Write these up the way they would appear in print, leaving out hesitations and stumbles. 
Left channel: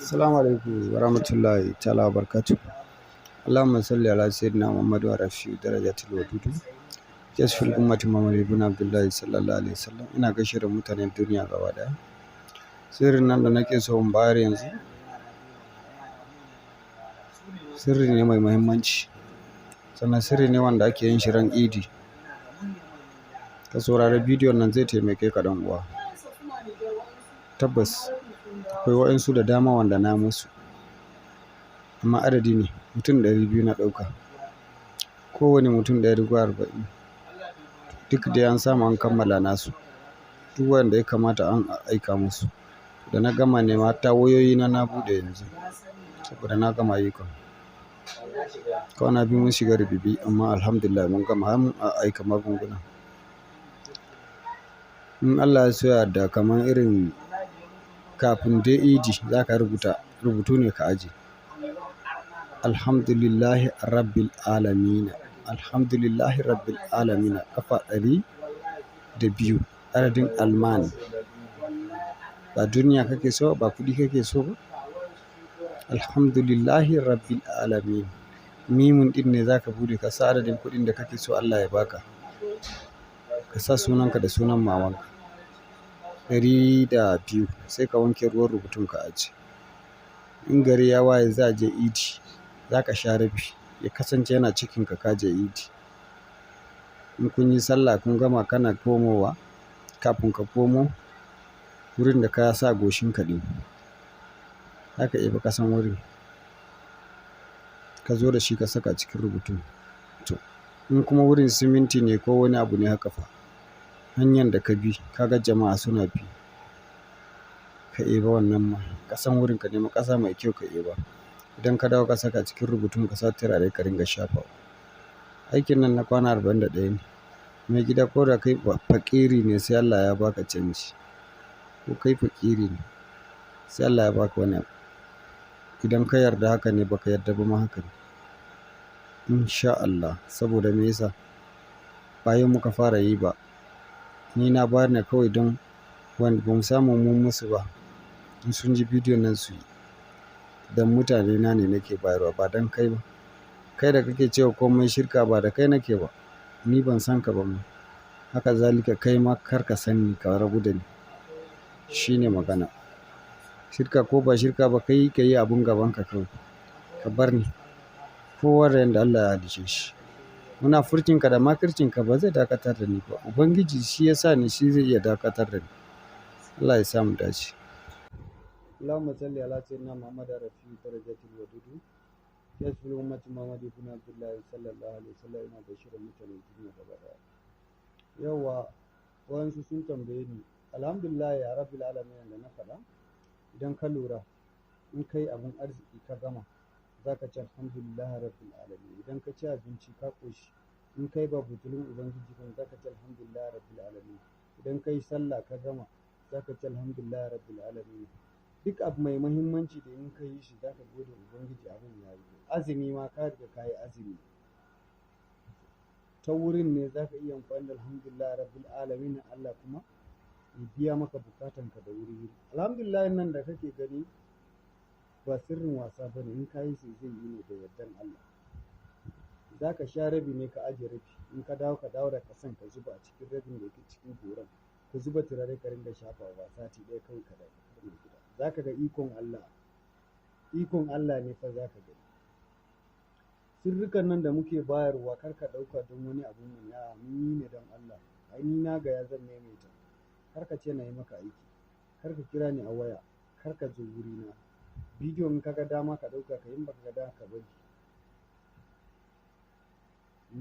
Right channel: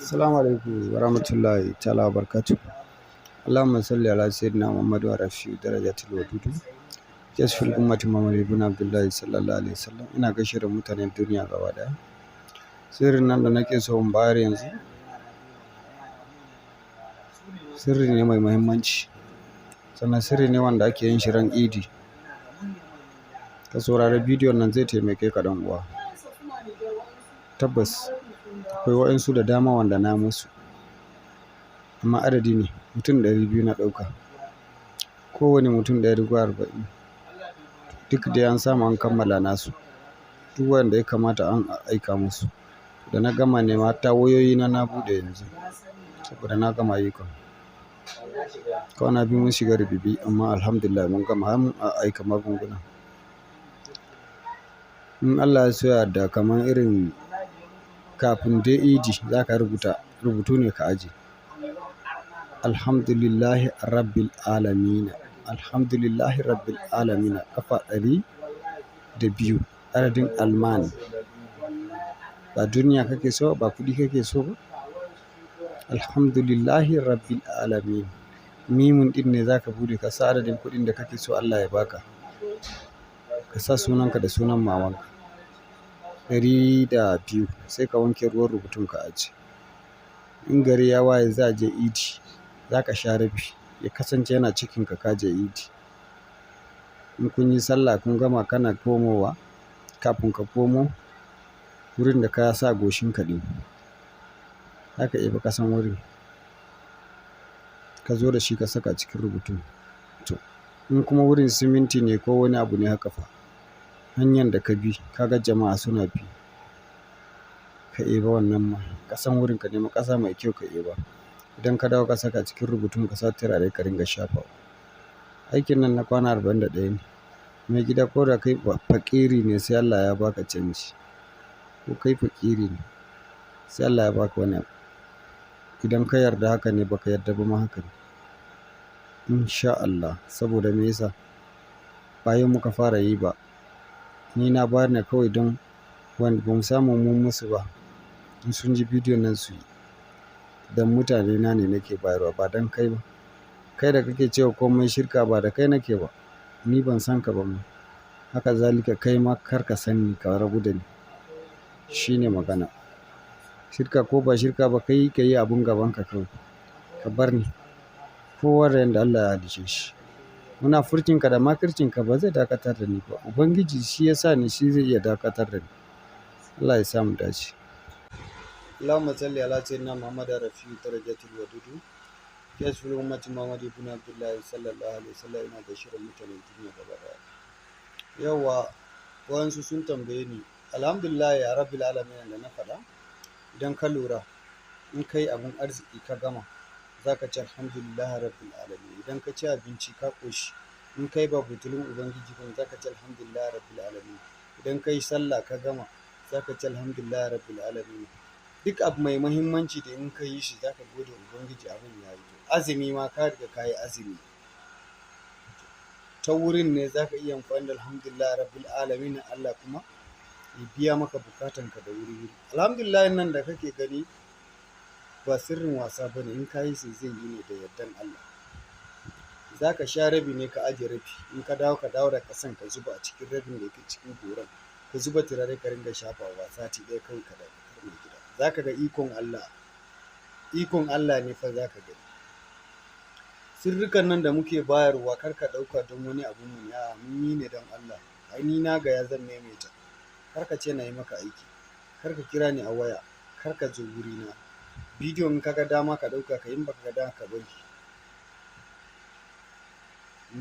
Assalamu alaikum wa rahmatullahi ta'ala wa barakatuh. Allahumma salli ala sayyidina Muhammad wa rafi darajatul wadudu. Jasfil ummati Muhammad ibn Abdullahi sallallahu alaihi wasallam. Ina gaishe da mutanen duniya gaba daya. Sirrin nan da nake so in bayar yanzu, sirri ne mai muhimmanci. Sannan sirri ne wanda ake yin shi ran Idi. Ka saurari bidiyon nan zai taimake ka dan uwa. Tabbas akwai waɗansu da dama wanda na musu, amma adadi ne mutum 200 na ɗauka. Kowane mutum 140. Duk da an samu an kammala nasu. Duk wanda ya kamata an aika musu. Da na gama nema ta wayoyi na buɗe yanzu saboda na gama ayyukan. Kwana biyu mun shiga rububi amma alhamdulillah mun gama har mun aika magunguna. In Allah ya so ya yarda kamar irin kafin dai Idi za ka rubutu ne ka aje. Alhamdulillahi rabbil alamina. Alhamdulillahi rabbil alamina ƙafa 102 adadin alman. Ba duniya kake so ba kuɗi kake so ba. Alhamdulillahi rabbil alamin. Mimun ɗin ne za ka buɗe ka sa adadin kuɗin da kake so Allah ya baka. Ka sa sunanka da sunan mamanka. 102 sai ka wanke ruwan rubutun ka aje. In gari ya waye za a je Idi, za ka sha rabi ya kasance yana cikinka ka je Idi. In kun yi sallah kun gama kana komowa, kafin ka komo wurin da ka sa goshin ka ɗin, za ka ɗebi ƙasan wurin ka zo da shi ka saka cikin rubutun. To in kuma wurin siminti ne ko wani abu ne haka fa, hanyar da ka bi ka ga jama'a suna bi, ka ɗeba wannan ma ƙasan wurin, ka nemi ƙasa mai kyau ka ɗeba. Idan ka dawo ka saka cikin rubutun ka sa turare ka ringa shafawa. Aikin nan na kwana 41 ne. Mai gida ko da kai fakiri ne sai Allah ya baka canji. Ko kai fakiri ne sai Allah ya baka wani abu. Idan ka yarda haka ne baka yarda ba ma haka ne. Insha Allah, saboda me yasa? Ba yau muka fara yi ba. Ni na bayar ne kawai don wanda ba mu samu mun musu ba. In sun ji bidiyon nan su yi. Dan mutane na ne nake bayarwa ba don kai ba. Kai da kake cewa komai shirka ba da kai nake ba. Ni ban san ka ba ma. Haka zalika kai ma kar ka san ni ka rabu da ni. Shi ne magana. Shirka ko ba shirka ba kai ka yi abun gabanka kawai. Ka bar ni. Kowa da yanda Allah ya halicce shi. Munafurcinka da makircinka ba zai dakatar da ni ba. Ubangiji shi ya sa ni, shi zai iya dakatar da ni. Allah ya sa mu dace. Allahumma salli ala sayyidina Muhammad rafi darajatul wadudu. Jasfil ummati Muhammad ibn Abdullahi sallallahu alaihi wasallam. Ina da shirin mutanen duniya gaba daya. Yawwa wayansu sun tambaye ni, alhamdulillah ya rabbil alamin da na faɗa. Idan ka lura in kai abun arziki ka gama, za ka ce alhamdulillah rabbil alamin. Idan ka ci abinci ka koshi, in kai ba butulun ubangiji ba za ka ce alhamdulillah rabbil alamin. Idan kai sallah ka gama, za ka ce alhamdulillah rabbil alamin. Duk abu mai muhimmanci da in ka yi shi za ka gode ubangiji abin ya yi. Azumi ma ka riga ka yi azumi, ta wurin ne za ka iya amfani da alhamdulillah rabbil alamin. Allah kuma ya biya maka bukatanka da wuri. Alhamdulillah nan da kake gani ba sirrin wasa bane. In ka yi sai zai yi ne da yardan Allah. Za ka sha rabi ne ka aje rabi. In ka dawo da kasan ka zuba a cikin rabin da yake cikin goran. Ka zuba turare ka ringa shafawa sati ɗaya kawai ka dawo mai gida. Za ka ga ikon Allah. Ikon Allah ne fa za ka gani. Sirrikan nan da muke bayarwa kar ka ɗauka don wani abu mu ya mun yi ne don Allah. Ai ni na ga ya zan maimaita. Kar ka ce na yi maka aiki. Kar ka kira ni a waya. Kar ka zo wurina. Bidiyo in ka ga dama ka ɗauka ka yi, in baka ga dama ka bari.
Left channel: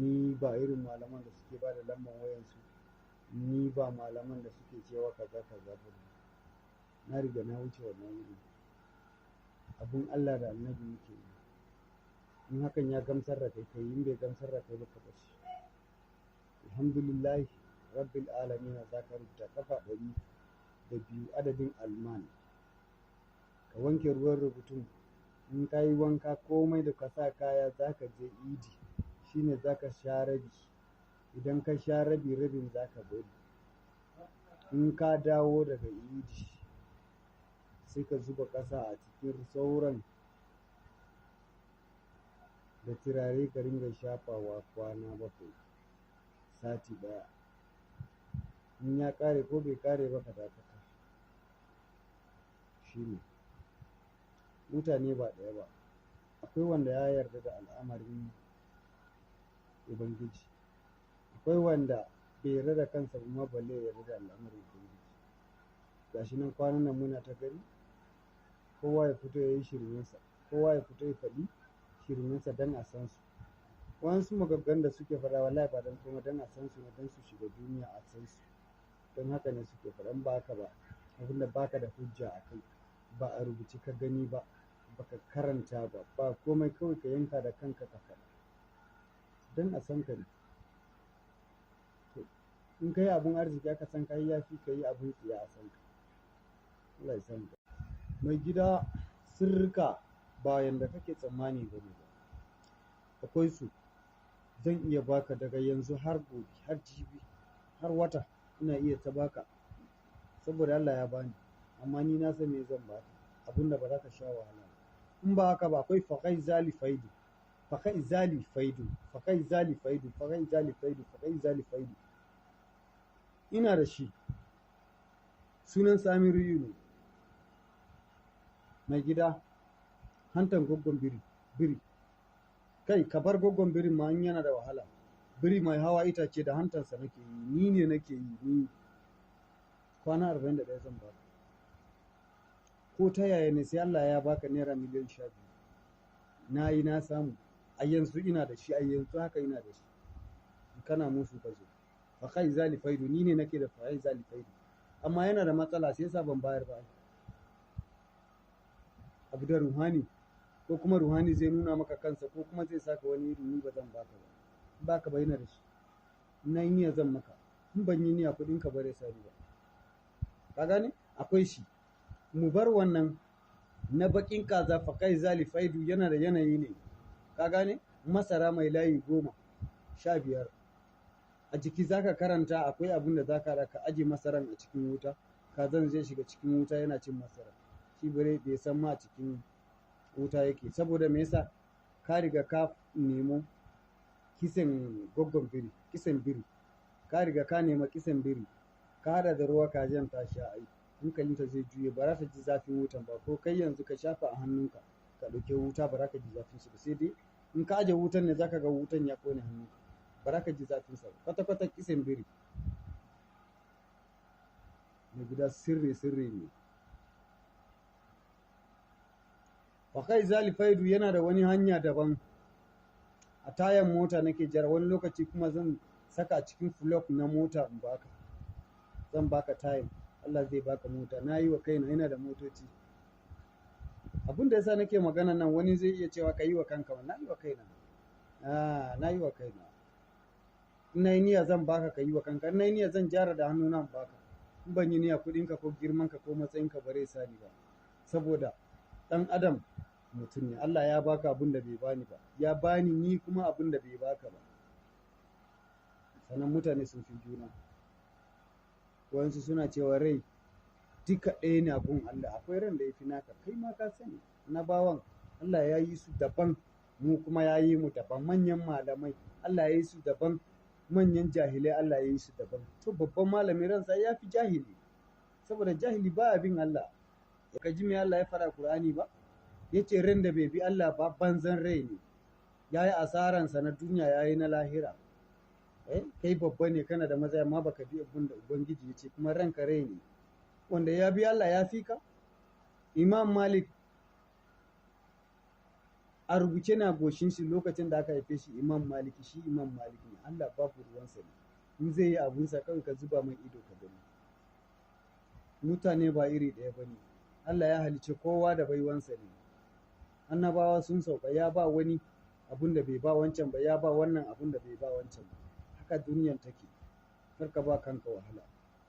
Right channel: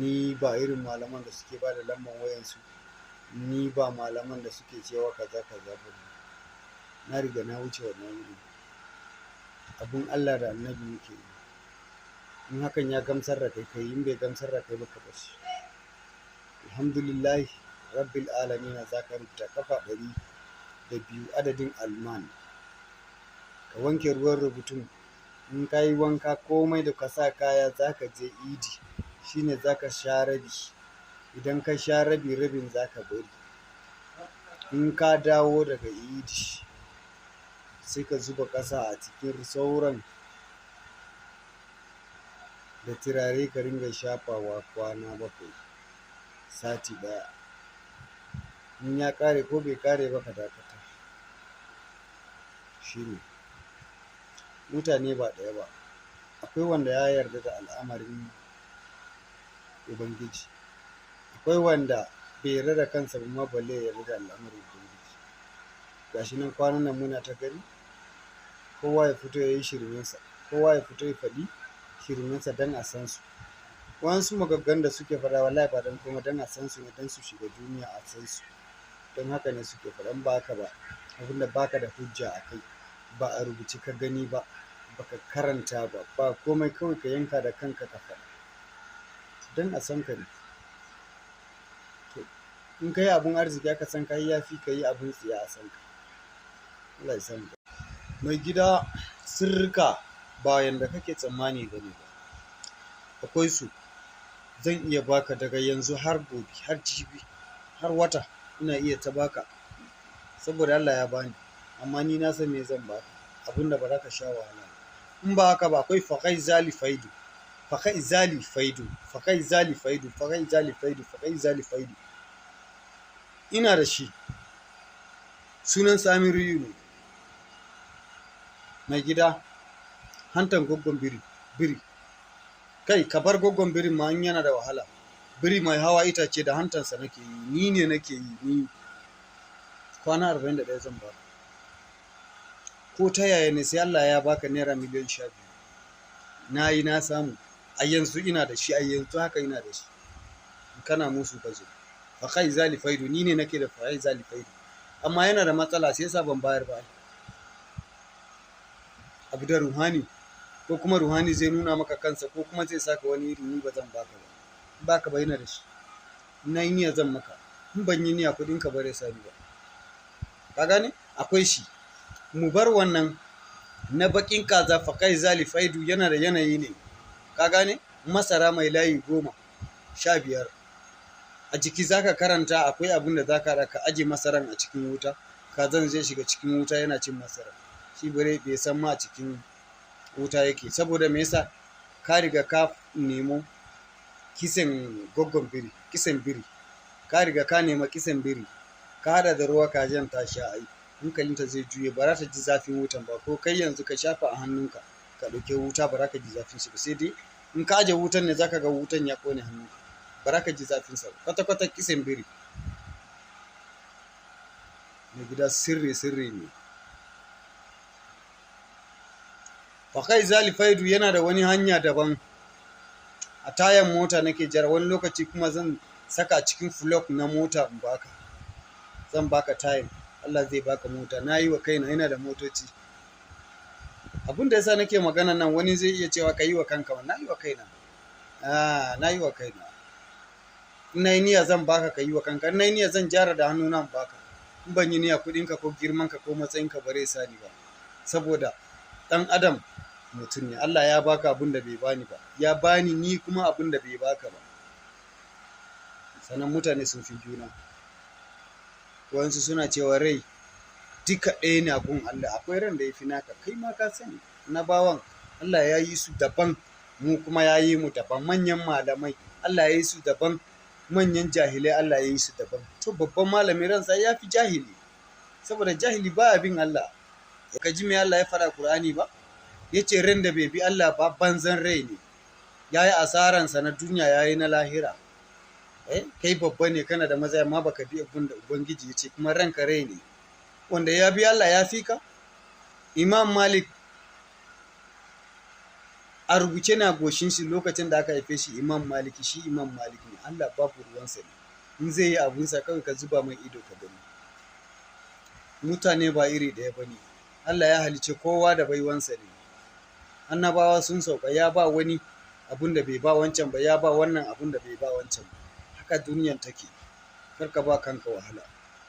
Ni ba irin malaman da suke ba da lambar wayansu. Ni ba malaman da suke cewa kaza kaza ba. Na riga na wuce wannan wuri. Abun Allah da annabi muke yi. In hakan ya gamsar da kai kai, in bai gamsar da kai ba ka bar shi. Alhamdulillah rabbil alamin. Za ka rubuta kafa 102 adadin alman. Ka wanke ruwan rubutun. In ka yi wanka komai da ka sa kaya za ka je Idi. Shine za ka sha rabi. Idan ka sha rabi, rabin za ka bari. In ka dawo daga Idi sai ka zuba ƙasa a cikin sauran da turare ka ringa shafawa kwana 7 sati 1. In ya ƙare ko bai ƙare ba ka dakata. Shine mutane ba ɗaya ba, akwai wanda ya yarda da al'amarin Ubangiji, akwai wanda bai yarda da kansa ba ma balle ya yarda da al'amarin Ubangiji. Gashi nan kwanan nan muna ta gani kowa ya fito ya yi shirmensa, kowa ya fito ya faɗi shirmensa don a san su. Wasu magaggan da suke faɗa wallahi ba don kuma don a san su ne, don su shiga duniya a san su. Don haka ne suke faɗan baka ba abinda baka da hujja a kai, ba a rubuce ka gani ba, baka karanta ba, ba komai, kawai ka yanka da kanka ka faɗa don a san ka ne. To in ka yi abun arziki aka san ka yi, yafi ka yi abun tsiya a san ka. Allah ya san ka. Mai gida, sirrika ba yanda kake tsammani ba ne ba, akwai su. Zan iya baka daga yanzu har gobe, har jibi, har wata ina iya ta baka, saboda Allah ya bani, amma ni na san me zan baka, abinda ba za ka sha wahala. In ba haka ba akwai fakai zali faidu, fakai zali faidu, fakai zali faidu, fakai zali faidu, fakai zali faidu. Ina da shi, sunan Samiru ne. Mai gida, hantan goggon biri. Kai ka bar goggon birin ma in yana da wahala. Biri mai hawa itace da hantansa nake yi, ni ne nake yi, ni. Kwana 41 zan baka. Ko ta yaya ne sai Allah ya baka naira miliyan 12. Na yi na samu, a yanzu ina da shi, a yanzu haka ina da shi. Kana musu ka zo. Fakai zali faidu, ni ne nake da fakai zali faidu. Amma yana da matsala sai yasa ban bayar ba. Abu da ruhani, ko kuma ruhani zai nuna maka kansa, ko kuma zai saka wani iri, ni ba zan baka ba. Baka ba yana da shi. Na yi niyya zan maka, in ban yi niyya kuɗin ka bare sani ba. Ka gane? Akwai shi. Mu bar wannan na bakin kaza fakai zali faidu, yana da yanayi ne. Ka gane? Masara mai layi 10, 15. A jiki zaka karanta akwai abin da zaka raka aje masaran a cikin wuta, kazan zai shiga cikin wuta yana cin masara. Shi bare bai san ma cikin wuta yake, saboda me yasa? Ka riga ka nemo kisan goggon biri, kisan biri. Ka riga ka nema kisan biri, ka hada da ruwa kajin ta sha ai, hankalinta zai juye, ba za ta ji zafin wutan ba. Ko kai yanzu ka shafa a hannunka ka ɗauke wuta, ba za ka ji zafin shi ba, sai dai in ka aje wutan ne zaka ga wutan ya kone hannunka, ba za ka ji zafin sa. Kwata-kwata kisan biri. Mai gida, sirri ne. Fakai zali faidu yana da wani hanya daban. A tayan mota nake jira, wani lokaci kuma zan saka cikin flok na mota in baka. Zan baka tayan, Allah zai baka mota. Na yi wa kaina, yana da motoci. Abin da yasa nake magana nan, wani zai iya cewa ka yi wa kanka ba. Na yi wa kaina. Na yi wa kaina. In na yi niyya zan baka, ka yi wa kanka. In na yi niyya zan jara da hannu nan baka. In ban yi niyya kuɗinka ko girmanka ko matsayinka bare sani ba. Saboda ɗan adam mutum ne. Allah ya baka abin da bai bani ba, ya bani ni kuma abin da bai baka ba. Sannan mutane sun fi juna. Wayansu suna cewa rai duka ɗaya ne a gun Allah. Akwai ran da ya fi naka, kai ma ka sani. Na bawan Allah ya yi su daban, mu kuma ya yi mu daban. Manyan malamai Allah ya yi su daban, manyan jahilai Allah ya yi su daban. To babban malami ransa ya fi jahili, saboda jahili ba bin Allah. Ka ji me Allah ya faɗa Qur'ani ba? Ya ce ran da bai bi Allah ba banzan rai ne, ya yi asaransa na duniya, ya yi na lahira. Kai babba ne, kana da maza, amma baka bi abin da Ubangiji ya ce, kuma ranka rai ne. Wanda ya bi Allah ya fi ka. Imam Malik a rubuce na goshin shi lokacin da aka haife shi, Imam Maliki, shi Imam Malik ne. Allah babu ruwansa ne. In zai yi abunsa kawai ka zuba mai ido ka gani. Mutane ba iri ɗaya ba ne. Allah ya halice kowa da baiwansa ne. Annabawa sun sauka, ya ba wani abun da bai ba wancan ba, ya ba wannan abun da bai ba wancan ba. Haka duniyan take. Kar ka ba kanka wahala.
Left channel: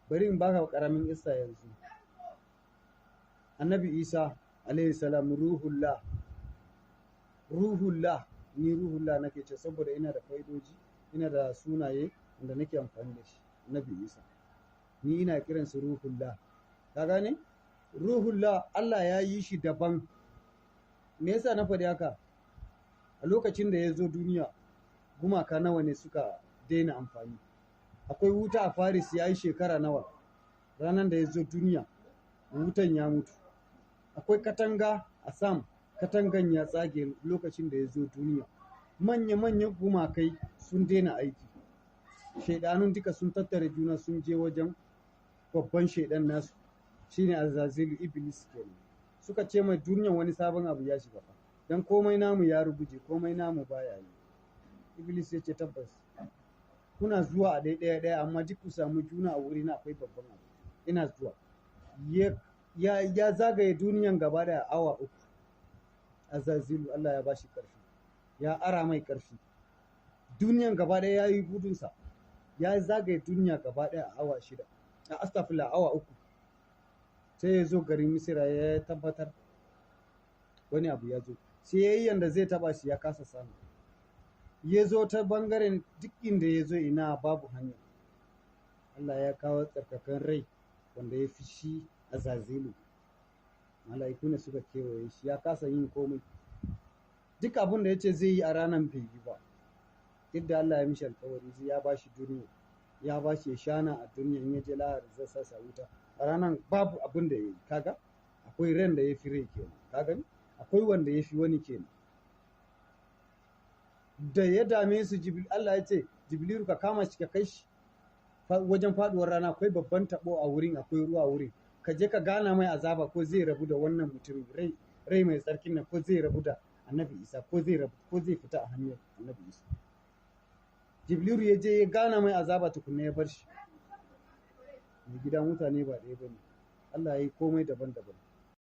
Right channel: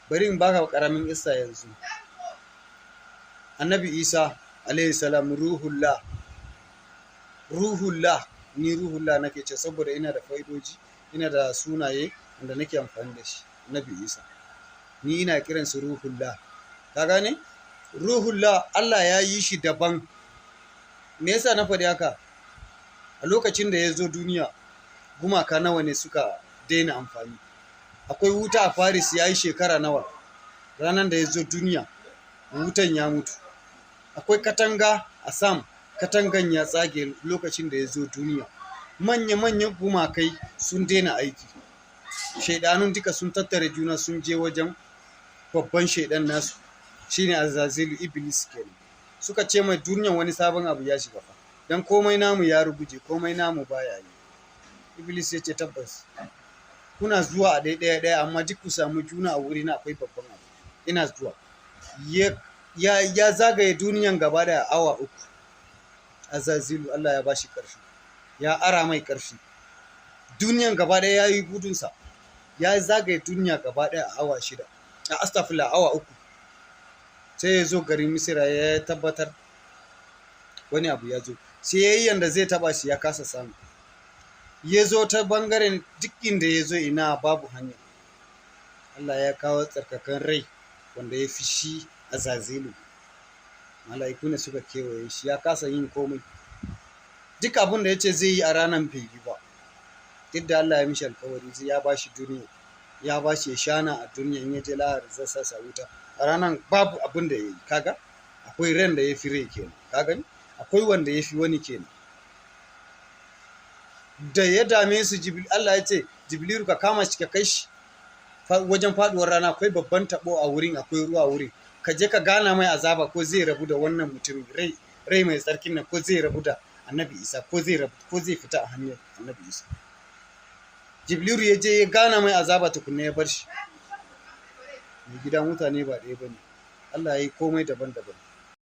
Bari in baka karamin isa yanzu. Annabi Isa alayhi salam ruhullah. Ni ruhullah nake ce saboda ina da faidoji, ina da sunaye wanda nake amfani da shi. Annabi Isa ni ina kiran su ruhullah. Ka gane? ruhullah Allah ya yi shi daban. Me yasa na faɗi haka? A lokacin da ya zo duniya gumaka nawa ne suka daina amfani? Akwai wuta a Faris ya yi shekara nawa? Ranar da ya zo duniya wutan ya mutu. Akwai katanga a Sam, katangan ya tsage lokacin da ya zo duniya. Manya-manyan gumakai sun daina aiki. Shaidanun duka sun tattare juna sun je wajen babban shaidan nasu, shine Azazilu, Iblis kenan. Suka ce mai duniyan wani sabon abu ya shiga fa, dan komai namu ya ruguje, komai namu baya yi. Iblis ya ce tabbas kuna zuwa a ɗaya amma duk ku samu juna a wuri na akwai babban abu. Ina zuwa. Ya zagaye duniyan gaba da awa 3. Azazilu Allah ya bashi ƙarfi, ya ara mai ƙarfi. Duniyan gaba ɗaya ya yi gudunsa, ya zagaye duniya gaba ɗaya a awa 6, a astafila awa 3. Sai ya zo garin Misira ya tabbatar wani abu ya zo, sai ya yi yanda zai taba shi ya kasa samu. Ya zo ta bangaren duk inda ya zo ina babu hanya. Allah ya kawo tsarkakan rai wanda ya fi shi Azazilu. Mala'iku ne suka kewaye shi, ya kasa yin komai. Duk abin da ya ce zai yi a ranar bai yi ba. Duk da Allah ya mishi alkawari ya ba shi duniya, ya ba shi ya shana a duniya, in ya je lahar zai sasa wuta. A ranar babu abin da ya yi. Kaga akwai ran da ya fi rai kenan, kaga akwai wanda ya fi wani kenan. Da ya dame su Allah ya ce Jibrilu ka kama shi ka kai shi wajen faduwar rana, akwai babban tabo a wurin, akwai ruwa wurin, ka je ka gana mai azaba ko zai rabu da wannan mutumin rai mai tsarkin nan, ko zai rabu da Annabi Isa, ko zai fita a hanyar Annabi Isa. Jibrilu ya je ya gana mai azaba tukunna ya bar shi. Mai gida mutane ba ɗaya bane. Allah ya yi komai daban-daban.